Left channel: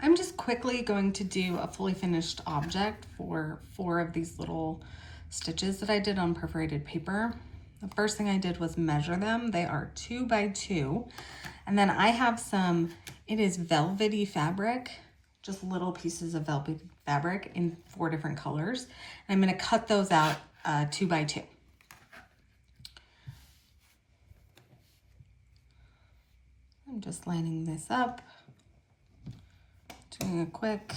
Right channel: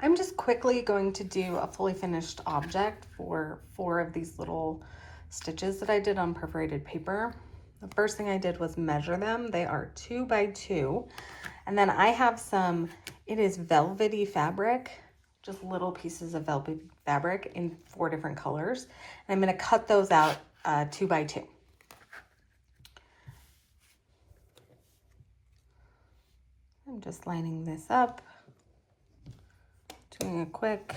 I'm just quickly going to do a fully finished object for 4 of these little stitches that I did on perforated paper. The first thing I did was measure them. They are 2 by 2. And then I have some, it is velvety fabric, just little pieces of velvet fabric in 4 different colors. And I'm going to cut those out 2 by 2. I'm just lining this up, doing a quick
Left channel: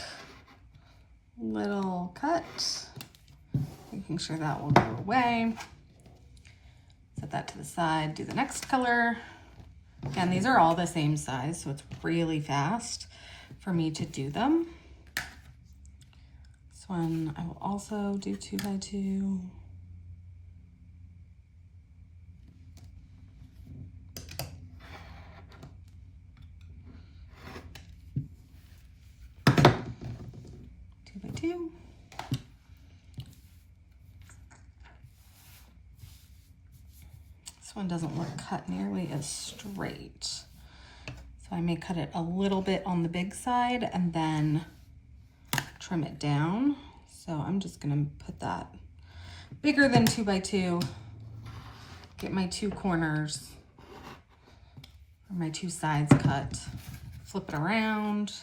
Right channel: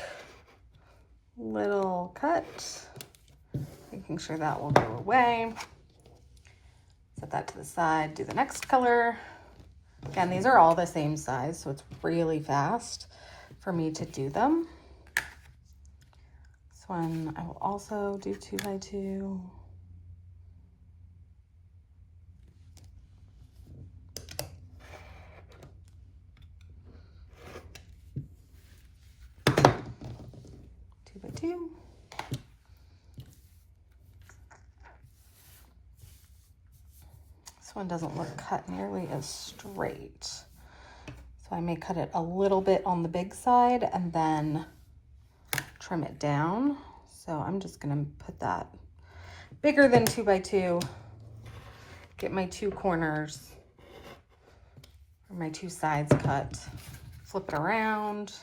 little cut, making sure that will go away. Set that to the side, do the next color. Again, these are all the same size, so it's really fast for me to do them. This one I will also do 2 by 2. This one doesn't look cut nearly as straight. So I may cut it a little bit on the big side and then trim it down. So I'm just gonna put that bigger than 2 by 2, get my 2 corners, or my 2 sides cut, flip it around,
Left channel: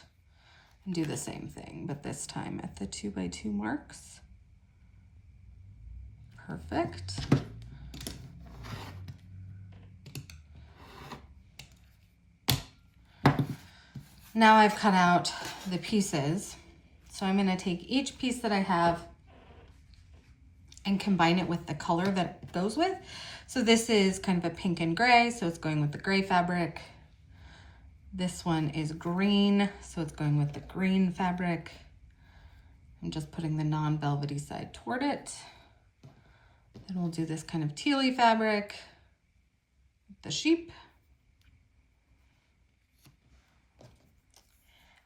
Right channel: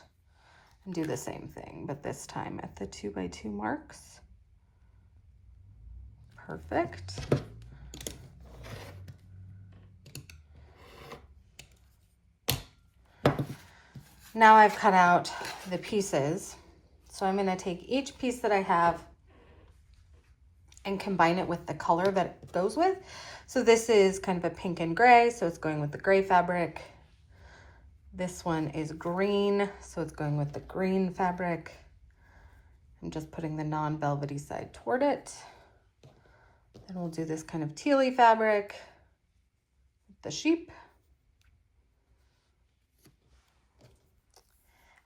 and do the same thing, but this time at the 2 by 2 marks. Perfect. Now I've cut out the pieces. So I'm gonna take each piece that I have and combine it with the color that it goes with. So this is kind of a pink and gray, so it's going with the gray fabric. This one is green, so it's going with the green fabric. I'm just putting the non-velvety side toward it. Then we'll do this kind of tealy fabric with the sheep.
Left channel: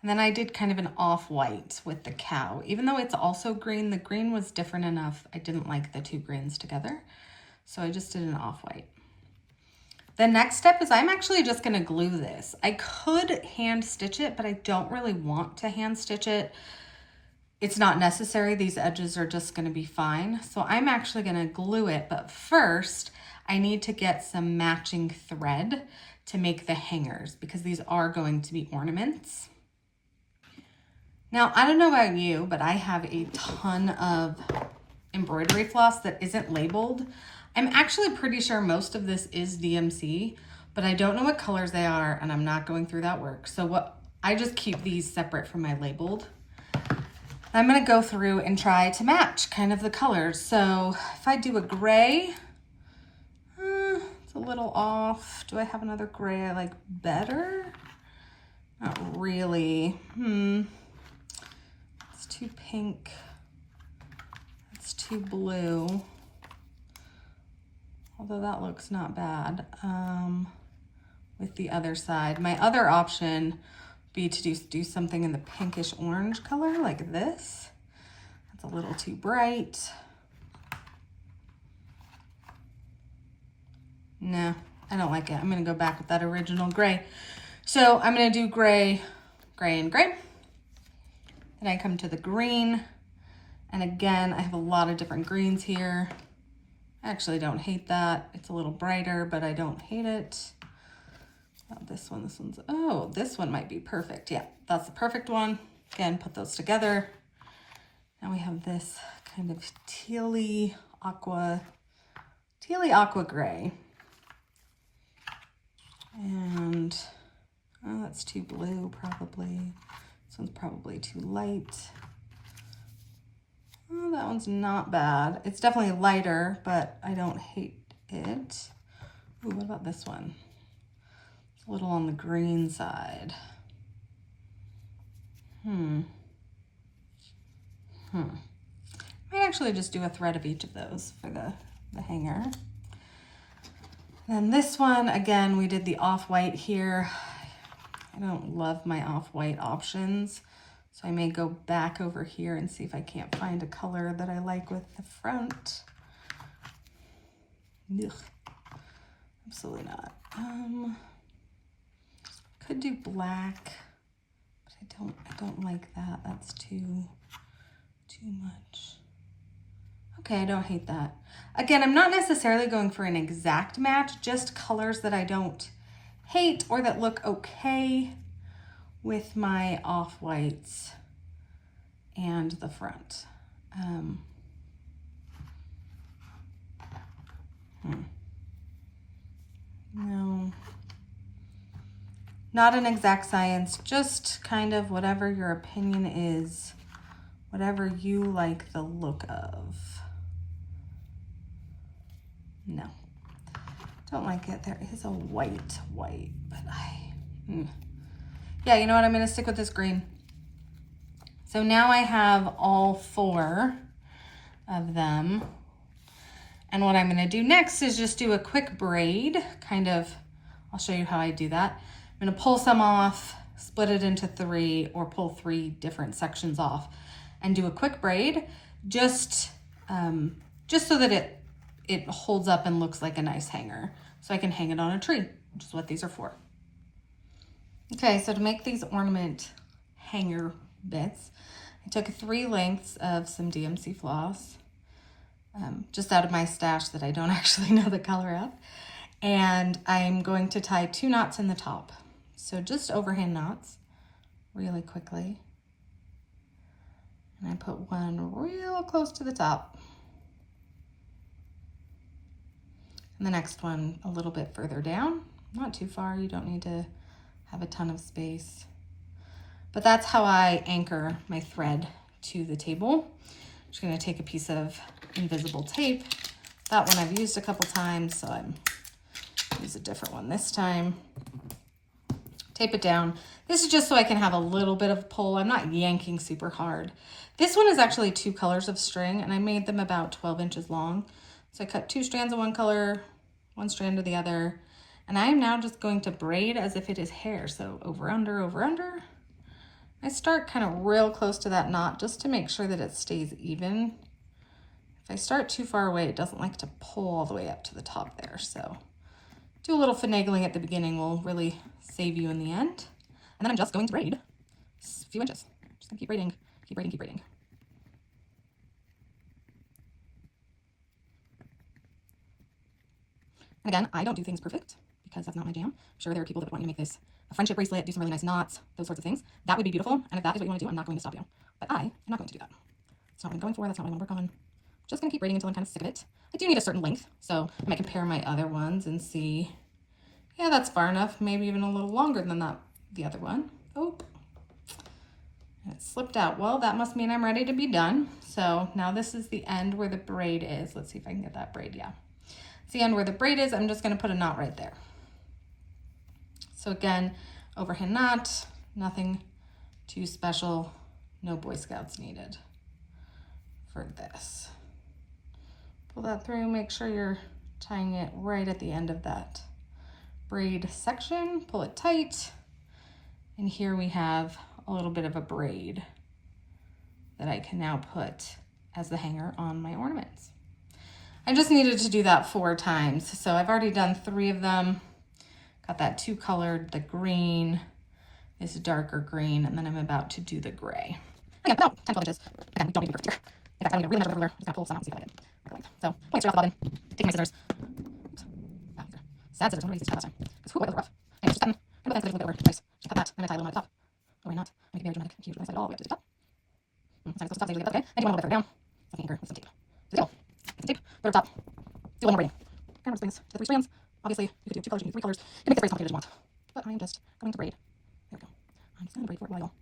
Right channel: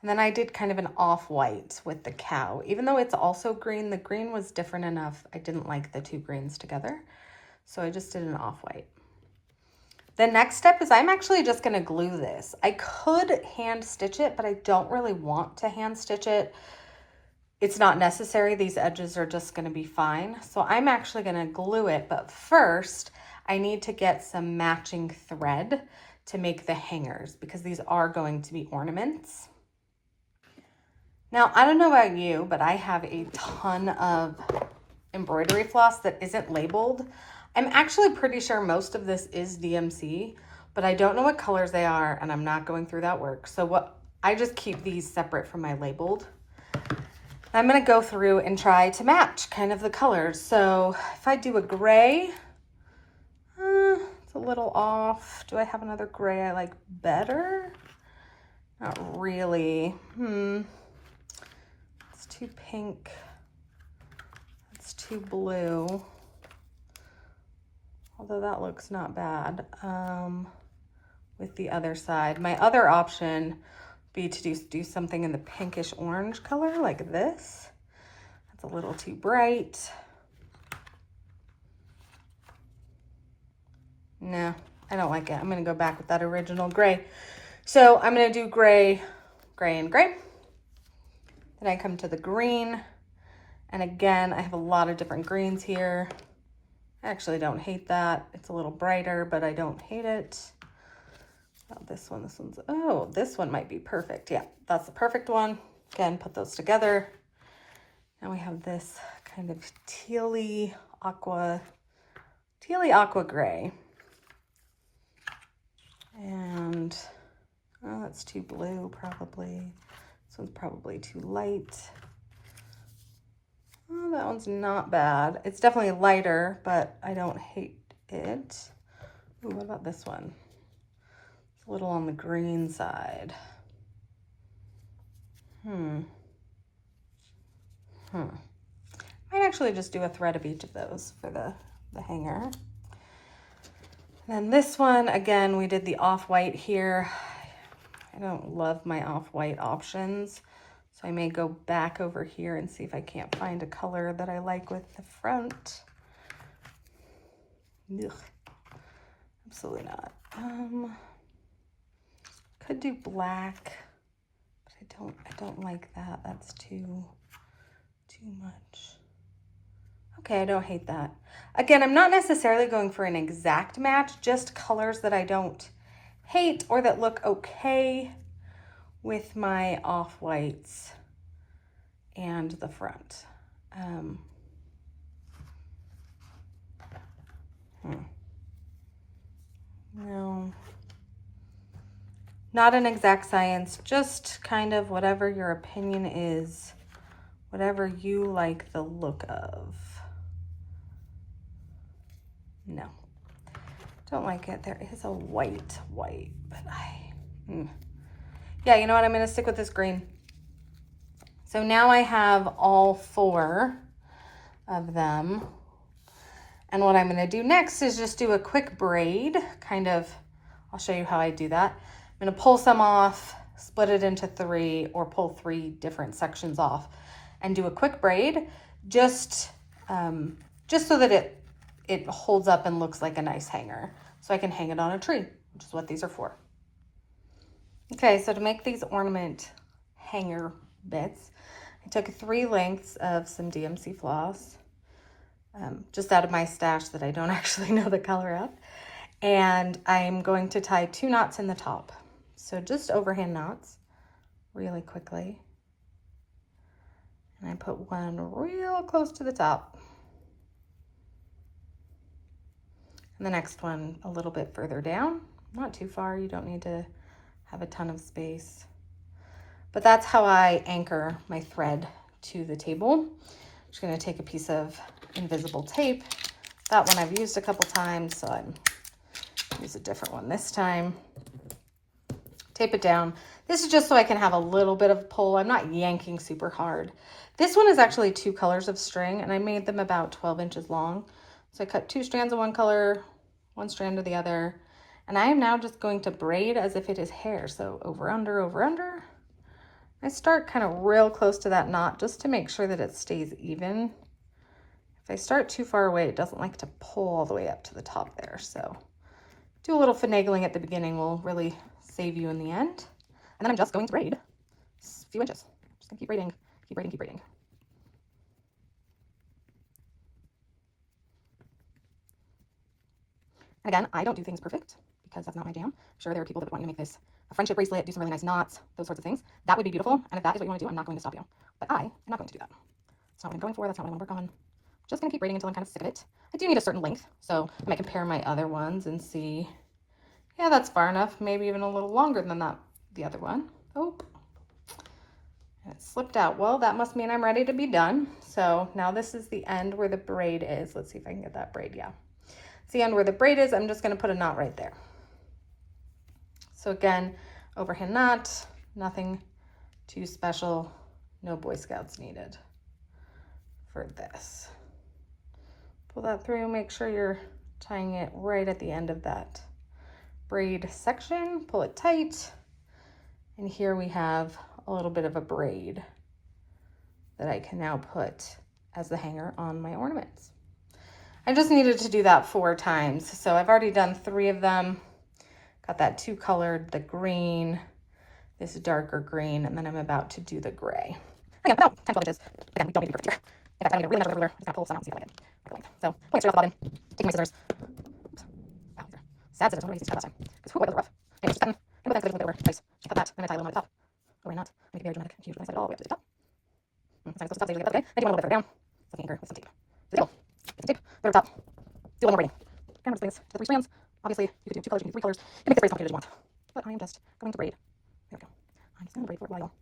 And then I did kind of an off-white with the cow. Even though it's also green, the green was different enough. I didn't like the 2 greens together. So I just did an off-white. The next step is I'm actually just gonna glue this. I could hand stitch it, but I don't really want to hand stitch it. It's not necessary. These edges are just gonna be fine. So I'm actually gonna glue it, but first I need to get some matching thread to make the hangers because these are going to be ornaments. Now, I don't know about you, but I have a ton of embroidery floss that isn't labeled. I'm actually pretty sure most of this is DMC, but I don't know what colors they are and I'm not going through that work. So I just keep these separate from my labeled. I'm gonna go through and try to match kind of the colors. So if I do a gray, it's a little off. Do I have another gray I like better? Not really. It's too pink. It's too blue. Although that looks not bad with the other side. My other option would be to do something in the pinkish orange color like this. It's a little too bright. No, I don't like it. I'm gonna go back with that original gray. So I'm gonna do gray, gray, and gray. Then I come to the green. And again, I have a lot of different greens here. I actually don't hate that. It's a little brighter, but I don't hate it. Not this one, oh, this one might be perfect. Yeah, that's the perfect one. Again, put those together. And we have this kind of tealy aqua gray. And, oh, that's too blue probably. This one's probably too light. Oh, that one's not bad. It's definitely lighter, but I don't hate it. Ooh, what about this one? It's a little on the green side. Might actually just do a thread of each of those for the hanger. And then this one, again, we did the off-white here. I don't love my off-white options, so I may go back over here and see if I can't find a color that I like with the front. Ugh. Absolutely not. Could do black, but I don't like that. That's too much. Okay, I don't hate that. Again, I'm not necessarily going for an exact match, just colors that I don't hate or that look okay with my off-whites and the front. No, not an exact science, just kind of whatever your opinion is, whatever you like the look of. No, don't like it. There is a white, but yeah, you know what? I'm gonna stick with this green. So now I have all 4 of them. And what I'm gonna do next is just do a quick braid, kind of, I'll show you how I do that. I'm gonna pull some off, split it into 3, or pull 3 different sections off and do a quick braid, just so that it holds up and looks like a nice hanger. So I can hang it on a tree, which is what these are for. Okay, so to make these ornament hanger bits, I took 3 lengths of some DMC floss, just out of my stash that I don't actually know the color of. And I'm going to tie 2 knots in the top. So just overhand knots really quickly. And I put one real close to the top. And the next one a little bit further down, not too far. You don't need to have a ton of space. But that's how I anchor my thread to the table. I'm just gonna take a piece of invisible tape. That one I've used a couple times, so I'm use a different one this time. Tape it down. This is just so I can have a little bit of pull. I'm not yanking super hard. This one is actually 2 colors of string, and I made them about 12 inches long. So I cut 2 strands of one color, 1 strand of the other, and I am now just going to braid as if it is hair. So over, under, over, under. I start kind of real close to that knot just to make sure that it stays even. If I start too far away, it doesn't like to pull all the way up to the top there. So do a little finagling at the beginning will really save you in the end. And then I'm just going to braid a few inches. Just gonna keep braiding, keep braiding, keep braiding. And again, I don't do things perfect because that's not my jam. I'm sure there are people that want to make this a friendship bracelet, do some really nice knots, those sorts of things. That would be beautiful. And if that is what you want to do, I'm not going to stop you. But I am not going to do that. That's not what I'm going for. That's not what I want to work on. Just going to keep braiding until I'm kind of sick of it. I do need a certain length, so I might compare my other ones and see, yeah, that's far enough. Maybe even a little longer than that, the other one. Oh, and it slipped out. Well, that must mean I'm ready to be done. So now this is the end where the braid is. Let's see if I can get that braid. Yeah. It's the end where the braid is. I'm just going to put a knot right there. So again, overhand knot, nothing too special, no Boy Scouts needed for this. Pull that through, make sure you're tying it right at the end of that braid section, pull it tight, and here we have a little bit of a braid that I can now put as the hanger on my ornaments. I just needed to do that 4 times, so I've already done 3 of them. Got that 2 colored, the green, this darker green, and then I'm about to do the gray. Okay, about 10, 12 inches. Again, we don't need to be perfect here. In fact, I need to really measure the ruler. Just gonna pull some out and see how I did. So, pulling it straight off the bobbin, taking my scissors. Oops. Wow, these are sad scissors. I'm gonna use these last time. Because who was rough? Anyway, just cutting. I'm gonna put that a little bit over twice. Just cut that, then I tie a little knot at the top. Or not. Make it very dramatic. Huge. And I set it all the way up to the top. It's not supposed to stop the other way. I do one a little bit further down. So I can anchor with some tape. So go. Get some tape. Put it on top. Do a little more braiding. And I'm just doing this to the 3 strands. Obviously, you could do 2 colors, you can do 3 colors. You can make this very complicated as you want. But I am just going to braid. There we go. I'm just going to braid for a while.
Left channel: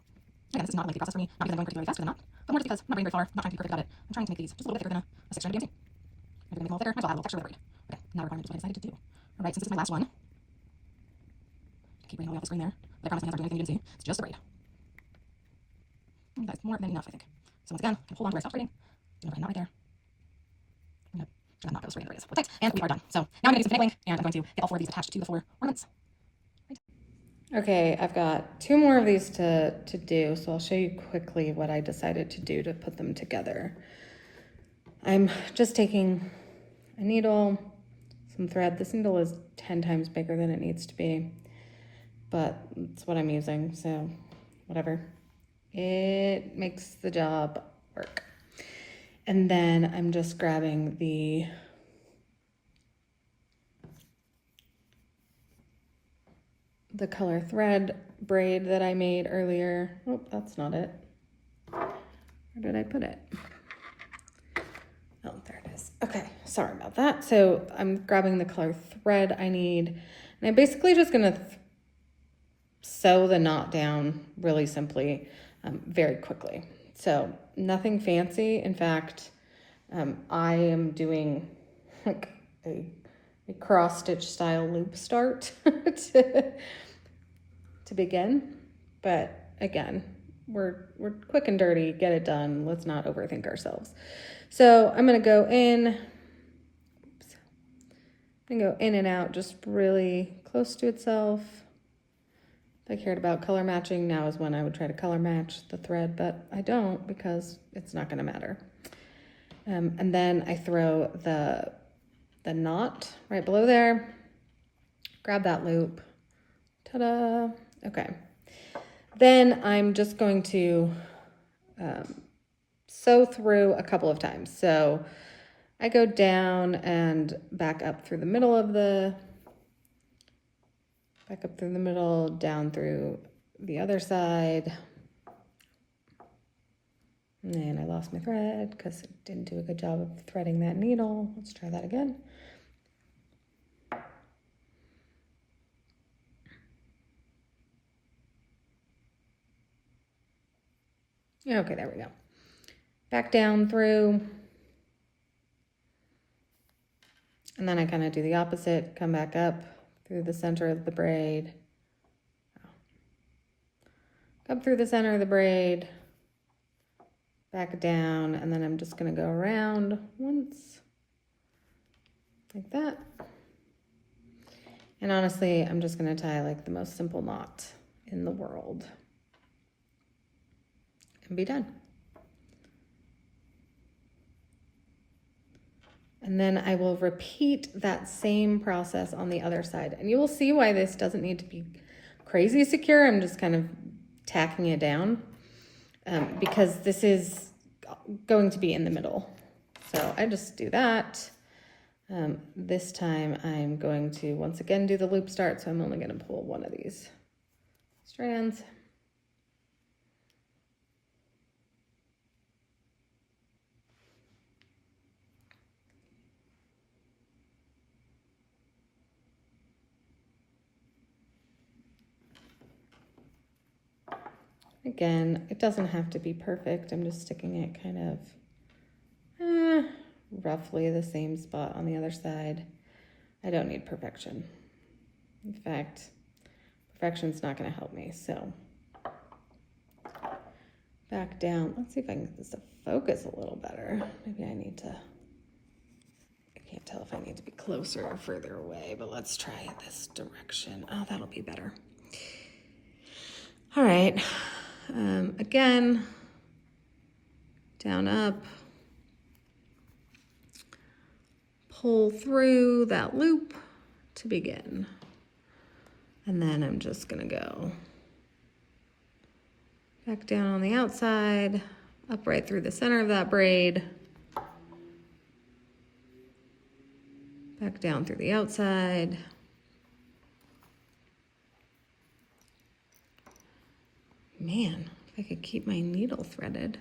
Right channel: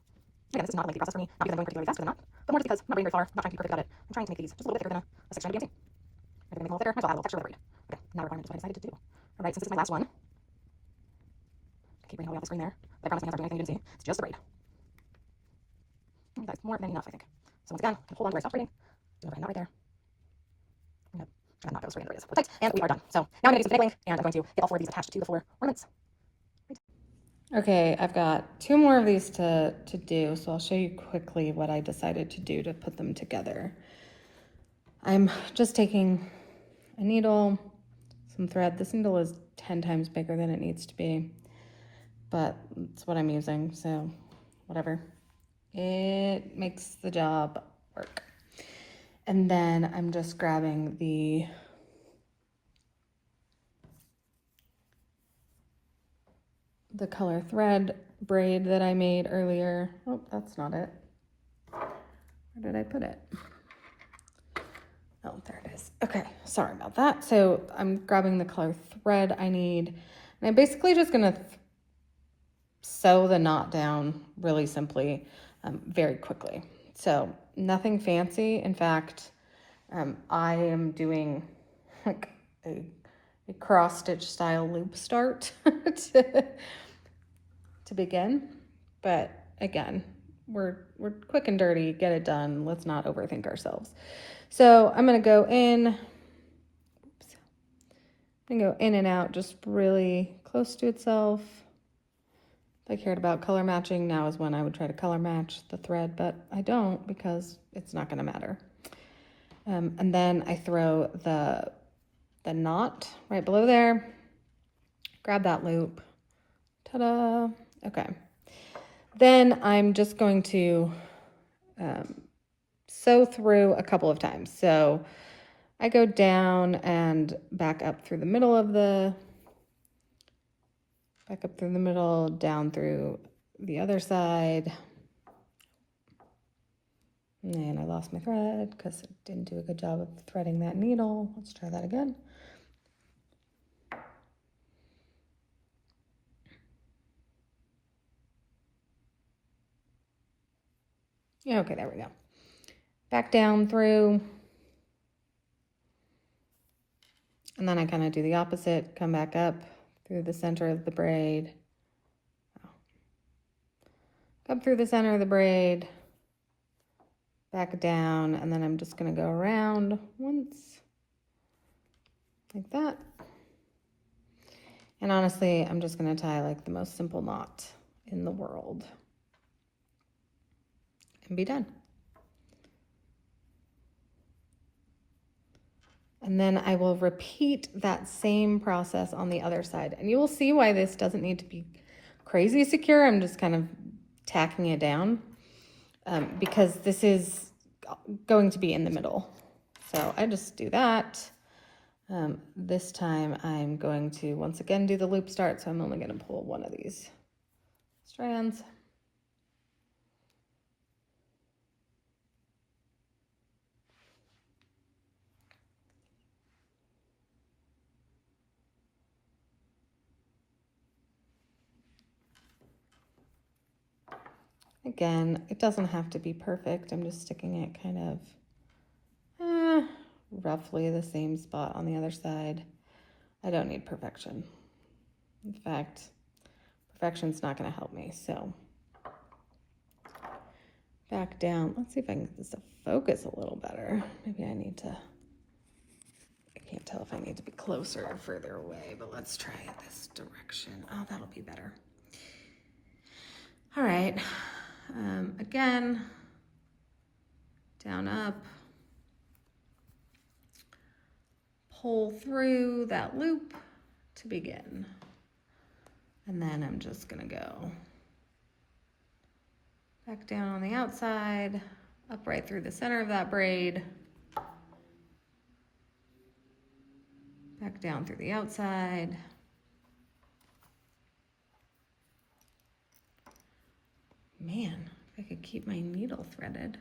Again, this is not a lengthy process for me, not because I'm going particularly fast with a knot, but more just because I'm not braiding very far, I'm not trying to be perfect about it. I'm trying to make these just a little bit thicker than a section of DMC. I'm going to make a little thicker, I saw that little texture of the braid. Okay, now requirement is what I decided to do. Alright, since this is my last one, keep braiding all the way off the screen there. But I promise my hands aren't doing anything you didn't see. It's just a braid. That's more than enough, I think. So once again, I can hold on to where I stopped braiding. Do a knot right there. I'm going to knot those right in the braid. Tight, and we are done. So now I'm going to do some finagling, and I'm going to get all 4 of these attached to the 4 ornaments. Okay, I've got 2 more of these to do, so I'll show you quickly what I decided to do to put them together. I'm just taking a needle, some thread. This needle is 10 times bigger than it needs to be, but it's what I'm using, so whatever. It makes the job work. And then I'm just grabbing the color thread braid that I made earlier. Oh, that's not it. Where did I put it? Oh, there it is. Okay, sorry about that. So I'm grabbing the color thread I need, and I'm basically just gonna sew the knot down really simply, very quickly. So nothing fancy. In fact, I am doing like a cross stitch style loop start to begin. But again, we're quick and dirty, get it done. Let's not overthink ourselves. So I'm gonna go in, and go in and out just really close to itself. If I cared about color matching, now is when I would try to color match the thread, but I don't because it's not gonna matter. And then I throw the knot right below there, grab that loop, ta-da, okay. Then I'm just going to sew through a couple of times. So I go down and back up through the middle of down through the other side. And I lost my thread because it didn't do a good job of threading that needle. Let's try that again. Okay, there we go. Back down through. And then I kind of do the opposite, come back up through the center of the braid. Up through the center of the braid, back down, and then I'm just gonna go around once, like that. And honestly, I'm just gonna tie like the most simple knot in the world and be done. And then I will repeat that same process on the other side. And you will see why this doesn't need to be crazy secure. I'm just kind of tacking it down because this is going to be in the middle. So I just do that. This time I'm going to once again do the loop start. So I'm only going to pull one of these strands. Again, it doesn't have to be perfect. I'm just sticking it kind of roughly the same spot on the other side. I don't need perfection. In fact, perfection's not going to help me. So back down. Let's see if I can get this to focus a little better. Maybe I need to, I can't tell if I need to be closer or further away, but let's try this direction. Oh, that'll be better. All right. Again, down, up, pull through that loop to begin. And then I'm just gonna go back down on the outside, up right through the center of that braid, back down through the outside, man, if I could keep my needle threaded.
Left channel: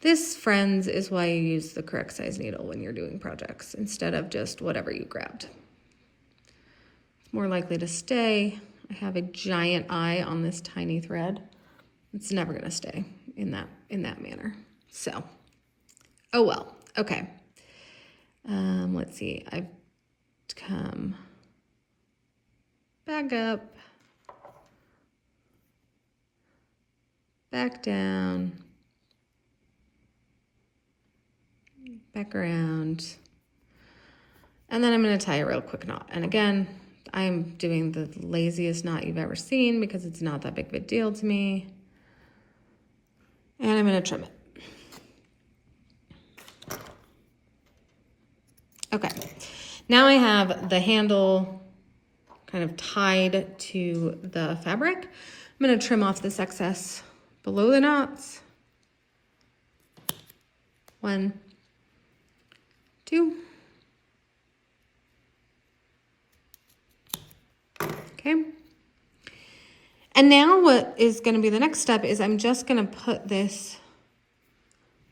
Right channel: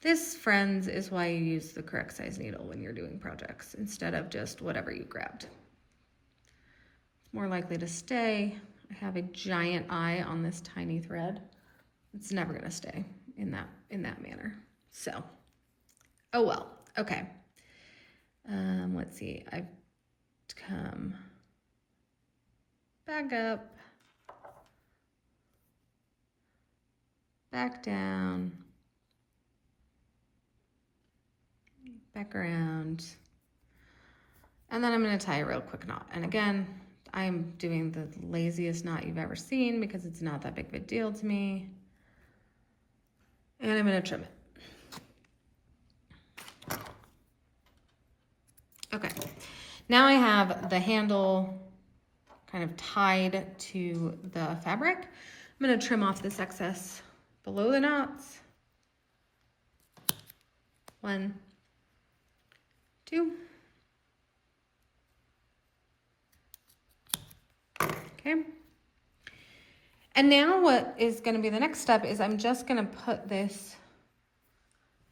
This, friends, is why you use the correct size needle when you're doing projects instead of just whatever you grabbed. It's more likely to stay. I have a giant eye on this tiny thread. It's never gonna stay in that manner. So, oh well, okay. Let's see, I've come back up, back down, back around, and then I'm going to tie a real quick knot. And again, I'm doing the laziest knot you've ever seen because it's not that big of a deal to me. And I'm going to trim it. Okay, now I have the handle kind of tied to the fabric. I'm going to trim off this excess below the knots. 1, 2. Okay. And now what is going to be the next step is I'm just going to put this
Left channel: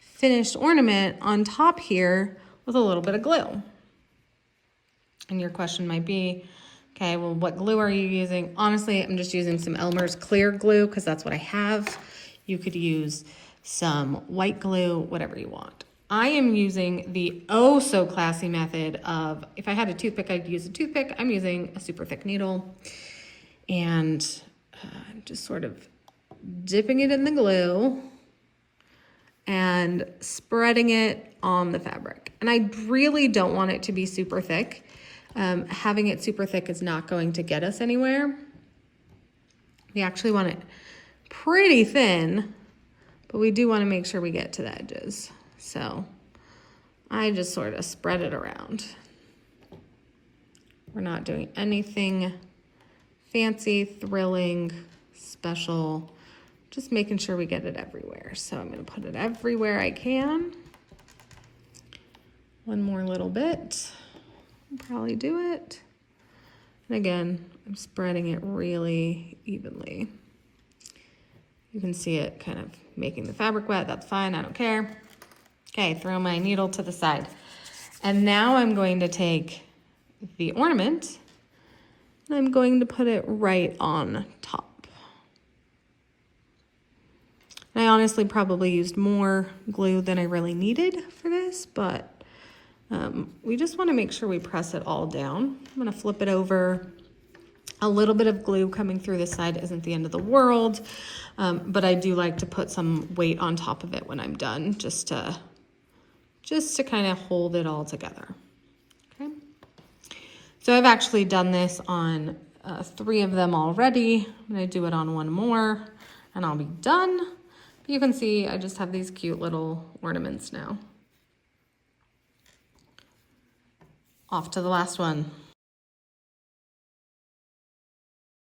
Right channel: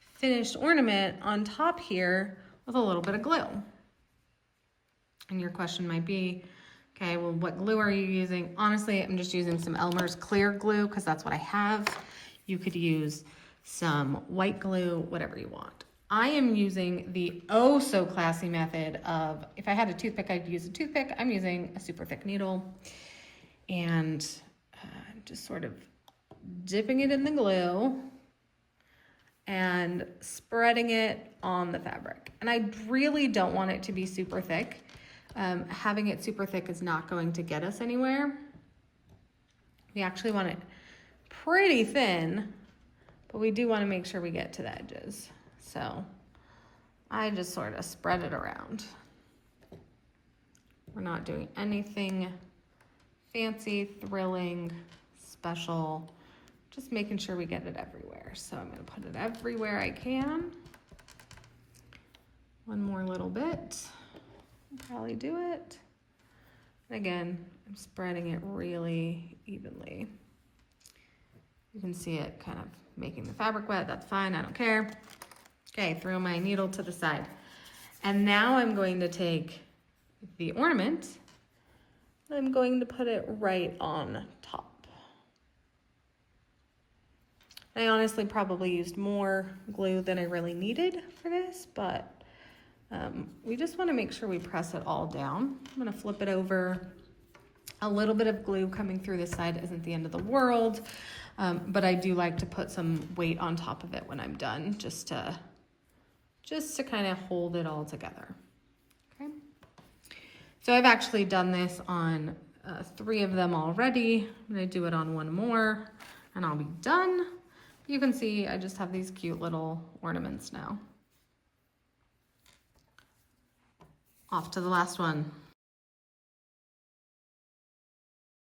finished ornament on top here with a little bit of glue. And your question might be, okay, well, what glue are you using? Honestly, I'm just using some Elmer's clear glue because that's what I have. You could use some white glue, whatever you want. I am using the oh so classy method of, if I had a toothpick, I'd use a toothpick. I'm using a super thick needle and just sort of dipping it in the glue and spreading it on the fabric. And I really don't want it to be super thick. Having it super thick is not going to get us anywhere. We actually want it pretty thin, but we do want to make sure we get to the edges. So I just sort of spread it around. We're not doing anything fancy, thrilling, special, just making sure we get it everywhere. So I'm going to put it everywhere I can. One more little bit, probably do it. And again, I'm spreading it really evenly. You can see it kind of making the fabric wet. That's fine, I don't care. Okay, throw my needle to the side. And now I'm going to take the ornament and I'm going to put it right on top. And I honestly probably used more glue than I really needed for this, but we just want to make sure we press it all down. I'm going to flip it over. A little bit of glue coming through the side isn't the end of the world, but I do like to put some weight on top of it when I'm done, just to kind of hold it all together. Okay. So I've actually done this on 3 of them already. I'm going to do it on 1 more and I'll be done. You can see I just have these cute little ornaments now. Off to the last one.